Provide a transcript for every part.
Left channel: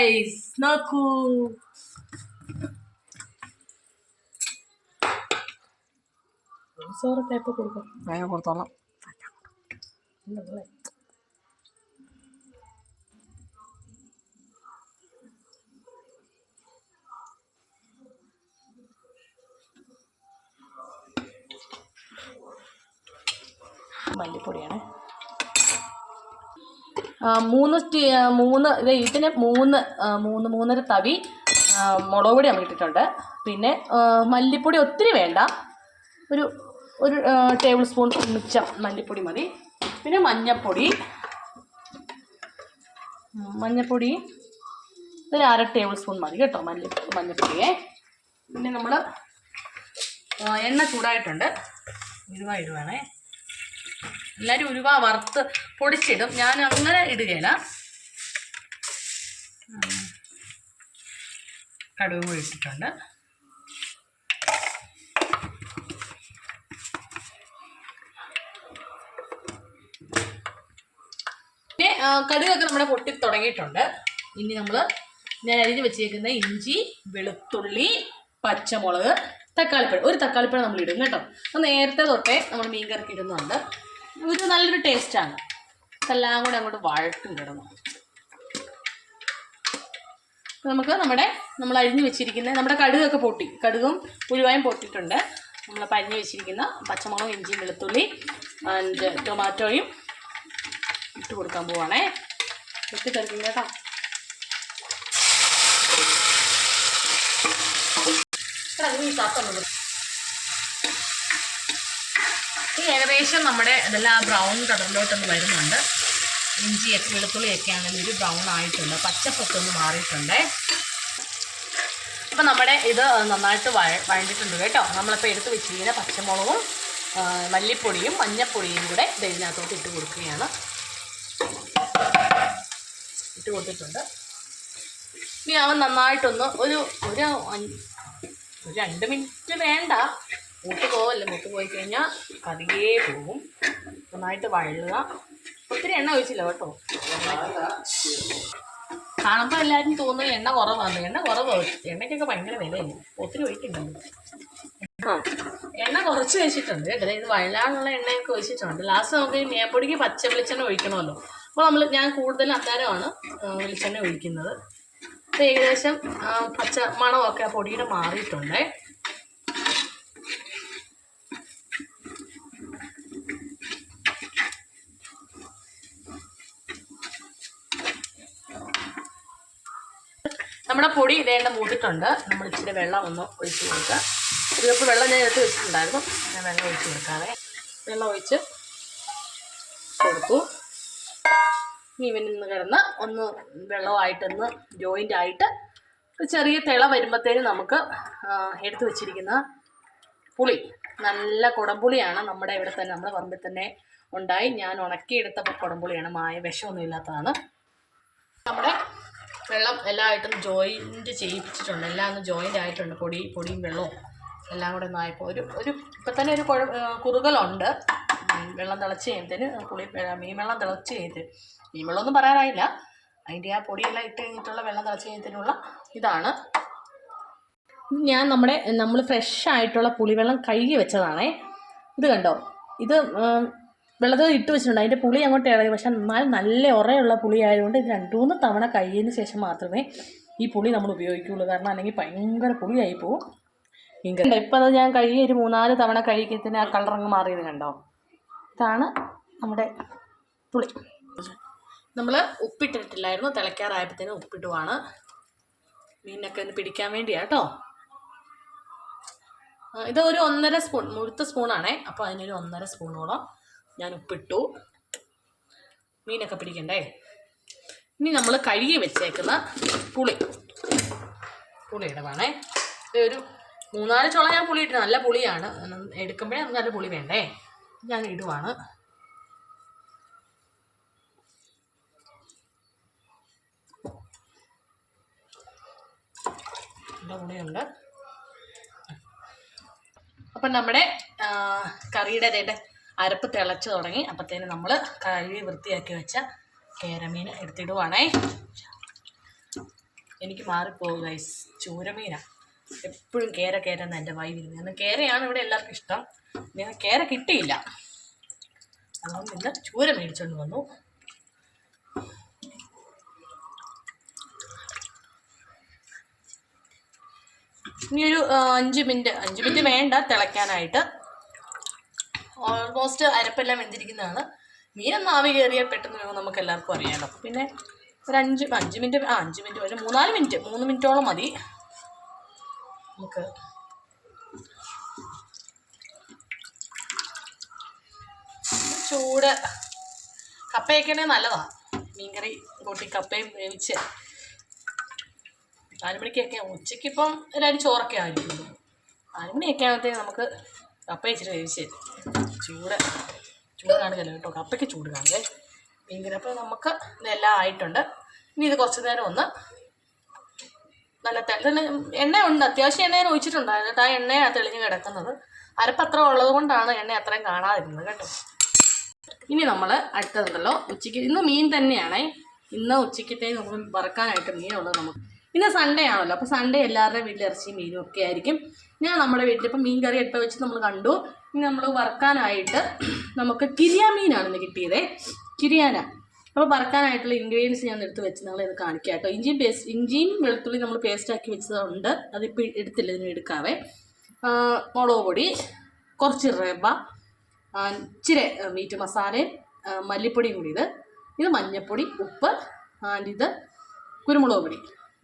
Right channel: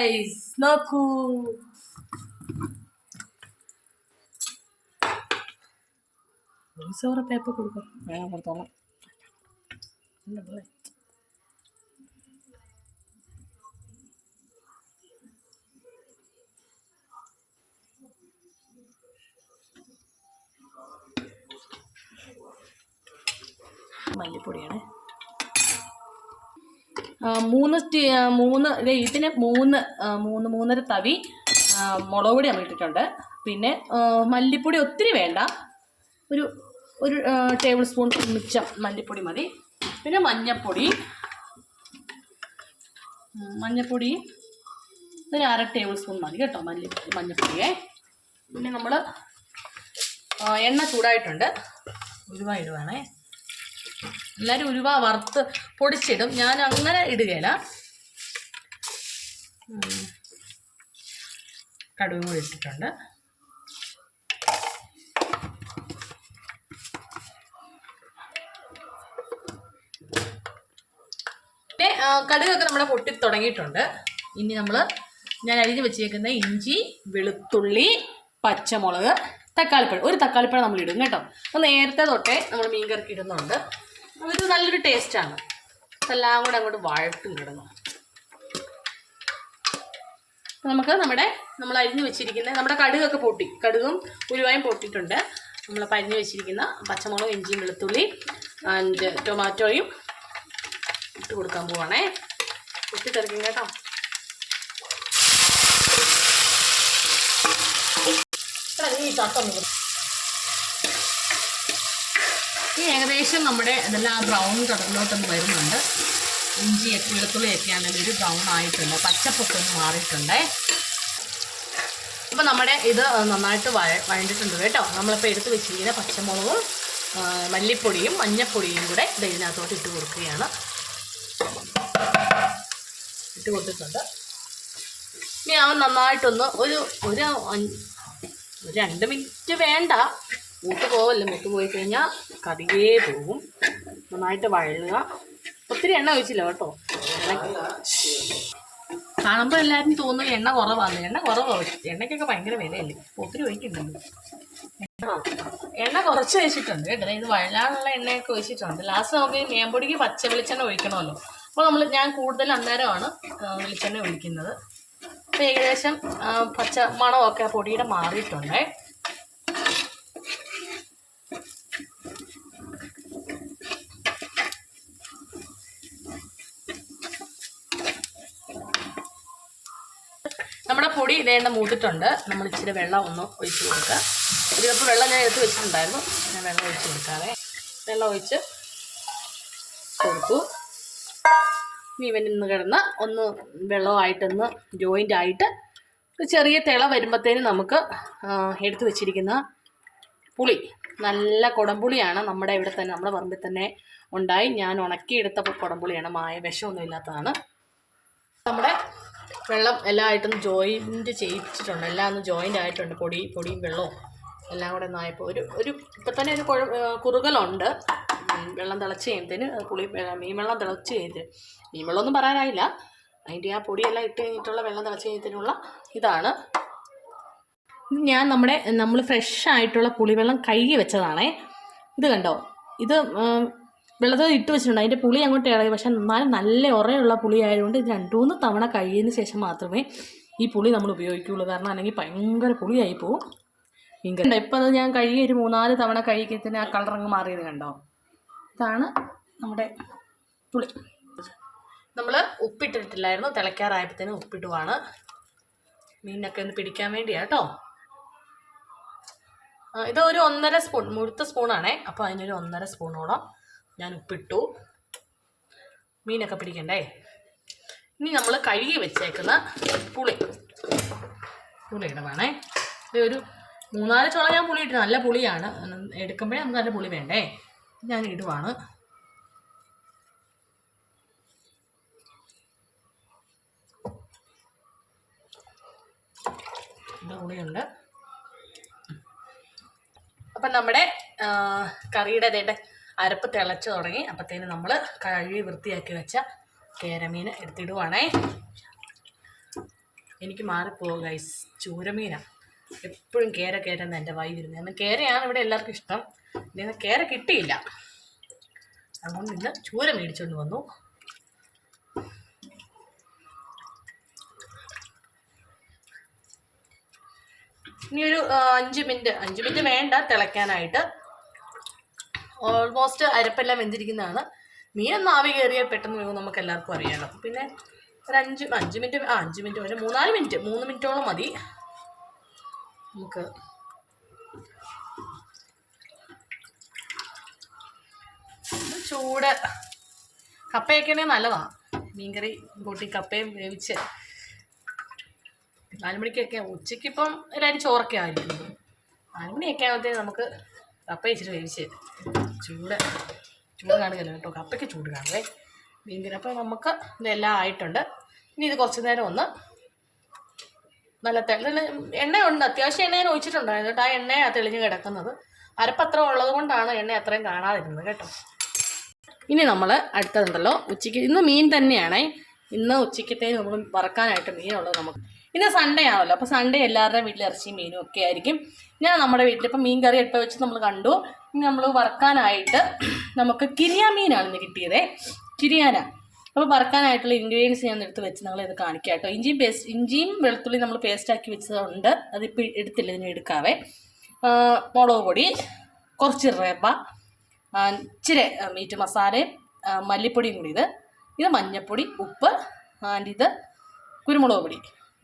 Guys, നോക്കൂ. Paper കൊടുക്കാം, വേഗം കൊടുത്തോളാം. മല്ലിപ്പൊടിയാണ്. ഇതിന് മൂന്നര തവി മുളക് പൊടി നമ്മൾ ഇട്ടിട്ടുണ്ട്. പിന്നെ മല്ലിപ്പൊടി ഒത്തിരി വേണ്ട, ഒരു ടേബിൾ സ്പൂൺ മിച്ചം മല്ലിപ്പൊടി മതി. പിന്നെ മഞ്ഞൾപ്പൊടി ഒരു 1/2 ടേബിൾ സ്പൂൺ മതി കേട്ടോ, മഞ്ഞൾപ്പൊടിയെ. പിന്നെ നമ്മൾ എണ്ണ ചൂടായിട്ടുണ്ട്, ഉലുവ ഇടുവാണേ. എല്ലാവരും ഉലുവ വറുത്ത് പൊടിച്ചിടും, ഞാൻ അങ്ങനെ ഇടുകയില്ല. കടുകും കൂടി ഇട്ടിട്ടുണ്ട്. പിന്നെ കടുകൊക്കെ നമ്മുടെ പൊട്ടി തുടങ്ങിയിട്ടുണ്ട്. ഇനി ഞാൻ അരിഞ്ഞ് വെച്ചേക്കുന്ന ഇഞ്ചി, വെളുത്തുള്ളി, പച്ചമുളക്, തക്കാളിപ്പഴം, ഒരു തക്കാളിപ്പഴം നമ്മൾ ഇടും കേട്ടോ. അപ്പോൾ നേരത്തെ തൊട്ടേ നമ്മൾ മീൻ കറിക്ക് ഇടുന്നുണ്ട്. അതൊരു നല്ലൊരു ടേസ്റ്റാണ്. എല്ലാം കൂടെ അങ്ങോട്ട് വഴട്ടും കിടന്നു. നമുക്ക് നമ്മൾ അരിഞ്ഞ് വെച്ചിരിക്കുന്ന നമ്മുടെ കടുകൊക്കെ കടുകും ഉലുവായും പൊട്ടിയിട്ടുണ്ട്. നമ്മളപ്പോൾ അരിഞ്ഞ് വെച്ചിരിക്കുന്ന പച്ചമുളകും, ഇഞ്ചിയും, വെളുത്തുള്ളി ആൻഡ് ടൊമാറ്റോയും ഇട്ട് കൊടുക്കാൻ പോവാണേ. പൊട്ടിത്തെറിക്കും കേട്ടോ. ഏകദേശം നമ്മുടെ ഇതെല്ലാം ബ്രൗൺ കളറിലോട്ടൊന്ന് വരുന്നുണ്ട്. ഇഞ്ചിയൊക്കെ വെളുത്തുള്ളിയൊക്കെ ആണെങ്കിൽ ഒരു ബ്രൗൺ ആയിട്ടുണ്ട്, പച്ചപ്പൊക്കെ ഒന്ന് മാറിയിട്ടുണ്ട്. അപ്പോൾ നമ്മുടെ ഇത് നന്നായിട്ട് വഴണ്ടിട്ടുണ്ട് കേട്ടോ. നമ്മളിപ്പോൾ എടുത്ത് വെച്ചിരിക്കുന്ന പച്ചമുളകും മല്ലിപ്പൊടിയും മഞ്ഞൾപ്പൊടിയും കൂടെ ഇതിനകത്തോട്ട് ഇട്ട് കൊടുക്കുകയാണ്. ഇട്ട് കൊടുത്തിട്ടുണ്ട്. ഇനി അവൻ നന്നായിട്ടൊന്ന് ഒരു 2 മിനിറ്റ് വേണ്ട, മൂത്ത് പോയി കഴിഞ്ഞാൽ കറിയേ പോകും. നന്നായിട്ട് വഴലുക. ഒത്തിരി എണ്ണ ഒഴിച്ചില്ല കേട്ടോ. കാണുമ്പോൾ എല്ലാവരും തോന്നുന്നു എണ്ണ കുറവാണ്. എണ്ണയ്ക്കൊക്കെ ഭയങ്കര വിലയല്ലേ, ഒത്തിരി ഒഴിക്കുന്നുണ്ട്. എണ്ണ കുറച്ച് വെച്ചിട്ടുണ്ട് കേട്ടോ. ഇത് വഴലാനുള്ള എണ്ണയൊക്കെ ഒഴിച്ചിട്ടുണ്ട്. ലാസ്റ്റ് നമുക്ക് ഈ മീൻപൊടിക്ക് പച്ച വെളിച്ചെണ്ണ ഒഴിക്കണമല്ലോ. അപ്പോൾ ഞാൻ കൂടുതൽ അന്നേരമാണ് വെളിച്ചെണ്ണ ഒഴിക്കുന്നത്. അപ്പോൾ ഏകദേശം പച്ച മണമൊക്കെ ആ പൊടിയുടെ മാറിയിട്ടുണ്ട്. നമ്മുടെ പൊടി ഇതേണ്ട മൂത്തിട്ടുണ്ട്. നമ്മൾ ഇച്ചിരി വെള്ളം ഒന്ന് ഒഴിച്ച് കൊടുക്കുക. ഒരു കപ്പ് വെള്ളം ഞാൻ എടുത്ത് വെച്ചിട്ടുണ്ടായിരുന്നു. ഞാൻ വെള്ളം ഒഴിച്ച് കൊടുക്കാതെ വെള്ളം ഒഴിച്ച് കൊടുത്തു. ഇവൻ ഇന്ന് കിടന്ന് ഒന്ന് വെള്ളമായിട്ടൊന്ന് ജോയിൻ്റ് ആയിട്ട് ചെറിയ തിള വരുമ്പോഴത്തേനും നമുക്ക് എടുത്ത് വെച്ചിരിക്കുന്ന പുളി, നല്ല കുടംപുളിയാണ്. നമ്മുടെ ഇവിടെ തന്നെ നമ്മുടെ പറമ്പിൽ തന്നെ ഉണ്ടായി. ഞാൻ ഉണക്കിയെടുത്ത കുടംപുളിയാണ്, വിഷമൊന്നും ഇല്ലാത്തതാണ്. നമ്മുടെ വെള്ളം എല്ലാമായിട്ടൊന്ന് ജോയിൻറ്റ് ചെയ്യിച്ചിട്ടുണ്ട്. എല്ലാം ഒന്ന് ജോയിൻ്റ് ആയിട്ടുണ്ട്. പൊടിയും വെള്ളവും എല്ലാം കൂടെ ഒന്നായപ്പോൾ ഇപ്പം തന്നെ ഒരു കുറുകലുണ്ട്. വെള്ളം തിളച്ച് കഴിയുമ്പത്തേന് മീൻ വെള്ളം തിളച്ച് കഴിഞ്ഞിട്ട്, മീൻ വെള്ളമൊന്നും പറയാനായില്ല, അതിൻ്റെ ആ പൊടിയെല്ലാം ഇട്ട് കഴിഞ്ഞിട്ടുള്ള വെള്ളം തിളച്ച് കഴിഞ്ഞതിനുള്ള ഇതാണ്. ഞാൻ നമ്മൾ ഫ്രഷ് ആയിട്ടുള്ള പുളിവെള്ളം കഴുകി വെച്ചതാണേ. ഇത് കണ്ടോ, ഇത് വെള്ളത്തിൽ ഇട്ട് വെച്ചിട്ടുണ്ട്. അതിൻ്റെ പുളി അങ്ങോട്ട് ഇറങ്ങി. പക്ഷെ എന്നാലും നല്ല ഉറയുള്ള പുളി ആയതുകൊണ്ട് ഇത് 2-3 തവണ കഴുകിയതിന് ശേഷം മാത്രമേ ഈ പുളി നമ്മൾ ഉപയോഗിക്കുകയുള്ളൂ. കാരണം അല്ലെങ്കിൽ ഭയങ്കര പുളിയായി പോവും. ഇങ്ങനെ ഇപ്പം അത് ഞാൻ കഴുകി ഒരു 3-4 തവണ കഴുകിയതിന് ആ കളറങ്ങ് മാറിയത് കണ്ടോ. ഇതാണ് നമ്മുടെ പുളി. നമ്മൾ ഉപ്പിട്ടിട്ടില്ലായിരുന്നു, തിളയ്ക്കാറായപ്പോഴത്തേനും ഉപ്പിടുവാണ്. മീനൊക്കെ ഒന്ന് പിടിക്കാൻ വേണ്ടിയാണ് കേട്ടോ. ഇത് ഒരു 1.5 സ്പൂൺ മുഴുത്ത സ്പൂണാണേ. അപ്പോൾ അതിനൊരു 1.5 സ്പൂണോളം ഞാൻ ഉപ്പിട്ടു. മീനൊക്കെ പിടിക്കണ്ടേ. ഇനി നമ്മൾ കഴുകി വെച്ചേക്കുന്ന പുളിയുടെ വേണേ. ഇത് ഒരു 3-4 ചോളം ഞാൻ പുളി ഇട്ടു. നല്ല പുളിയാണ്, എടുക്കുമ്പോഴേ നമുക്ക് നല്ല പുളി വേണ്ടേ. ഞാൻ ഇടുവാണ്. നല്ല പുളിയുണ്ട്. അപ്പം നമ്മുടെ കറിയുടെ അരപ്പ് തിളച്ച് തുടങ്ങി. അപ്പത്തേന് നമ്മൾ കഴുകി വൃത്തിയാക്കി വെച്ച കേരമീൻ എടുത്തിടുവാണേ. എനിക്ക് മാറിപ്പോകും ഗൈസ്. ചൂരമീനാണ് എപ്പോഴും കേര കേരെന്ന് എൻ്റെ വായി വരുന്നത്. എന്നാൽ കേരയാണ് ഇവിടെ എല്ലാവർക്കും ഇഷ്ടം. ഇന്ന് കേര കിട്ടിയില്ല, അതുകൊണ്ട് ഇന്ന് ചൂര മേടിച്ചുകൊണ്ട് വന്നു. ഇനി ഒരു 5 മിനിറ്റ് വേണ്ട തിളയ്ക്കാനായിട്ട്. ഓൾമോസ്റ്റ് അരപ്പെല്ലാം വെന്തിരിക്കുന്നതാണ്. മീനൊന്നും ആവി കയറിയാൽ പെട്ടെന്ന് വേവും, നമുക്ക് എല്ലാവർക്കും അറിയാമല്ലോ. പിന്നെ ഒരു 5 മിനിറ്റ് ഒരു 3 മിനിറ്റോളം മതി. നമുക്ക് ചൂട് കപ്പയൊക്കെ ആണെങ്കിൽ നല്ലതാണ്. മീൻകറി കൂട്ടി കപ്പയും വേവിച്ച് 4 മണിക്കൊക്കെ, ഉച്ചയ്ക്കിപ്പം എല്ലാവരും ചോറൊക്കെ ആയിരിക്കും. 4 മണിയൊക്കെ ആകുമ്പോഴത്തേക്ക് നമുക്ക് കപ്പ ഇച്ചിരി വേവിച്ച് ചൂട് കാണുകയല്ലോ കേട്ടോ, കപ്പയ്ക്ക് ചൂട് കാണുവേ മീൻകറി. അപ്പോൾ നമുക്ക് ഇതെല്ലാം ആയിട്ടുണ്ട്. ഇനി ഇത് കുറച്ച് നേരം ഒന്ന് നല്ല എണ്ണ ഉണ്ട്, അത്യാവശ്യം എണ്ണ ഒഴിച്ചിട്ടുണ്ടായിരുന്നു കേട്ടോ. ആ എണ്ണയാണ് തെളിഞ്ഞ് കിടക്കുന്നത്. അരപ്പത്രം ഉള്ളത് കൊണ്ടാണ് എണ്ണ അത്രയും കാണാതിരുന്നത് കേട്ടോ. ഇനി നമ്മൾ അടുത്തതുണ്ടല്ലോ, ഉച്ചയ്ക്ക് ഇന്ന് മീൻ തന്നെയാണേ. ഇന്ന് ഉച്ചയ്ക്കത്തേക്ക് നമ്മൾ വറക്കാനായിട്ട് മീനുള്ളത് നമുക്ക്. ഇന്ന് സൺഡേ ആണല്ലോ, അപ്പോൾ സൺഡേ എല്ലാവരുടെയും വീട്ടിൽ ഇറച്ചി മീനും ഒക്കെ ആയിരിക്കും. ഞാൻ നമ്മുടെ വീട്ടിലിപ്പോൾ മീൻ കറി എടുത്ത് വെച്ച് നമ്മൾ കണ്ടു. ഇനി നമ്മൾ വറക്കാനായിട്ട് നമുക്ക് കിരിയ മീനാണ് ഇന്ന് കിട്ടിയതേ, കിരിയാന. അപ്പോൾ വറക്കാനായിട്ടുള്ള ഇൻഗ്രീഡിയൻസ് ഞാൻ എടുത്ത് വെച്ച് നമ്മളിത് കാണിക്കാം കേട്ടോ. ഇഞ്ചിയും വെളുത്തുള്ളി നമ്മൾ പേസ്റ്റാക്കി വെച്ചതുണ്ട്, അതിപ്പോൾ എടുത്തില്ല, ഇതിന് എടുക്കാവേ. മുളക് പൊടി, കുറച്ച് റവ, ഇച്ചിരി മീറ്റ് മസാലയും മല്ലിപ്പൊടിയും കൂടി, ഇത് മഞ്ഞൾപ്പൊടി, ഉപ്പ്, ഇത് കുരുമുളക് പൊടി.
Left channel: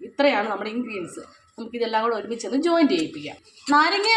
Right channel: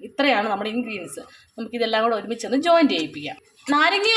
ഇത്രയാണ് നമ്മുടെ ഇൻഗ്രീഡിയൻസ്. നമുക്കിതെല്ലാം കൂടെ ഒരുമിച്ചൊന്ന് ജോയിൻ ചെയ്യിപ്പിക്കാം. നാരങ്ങ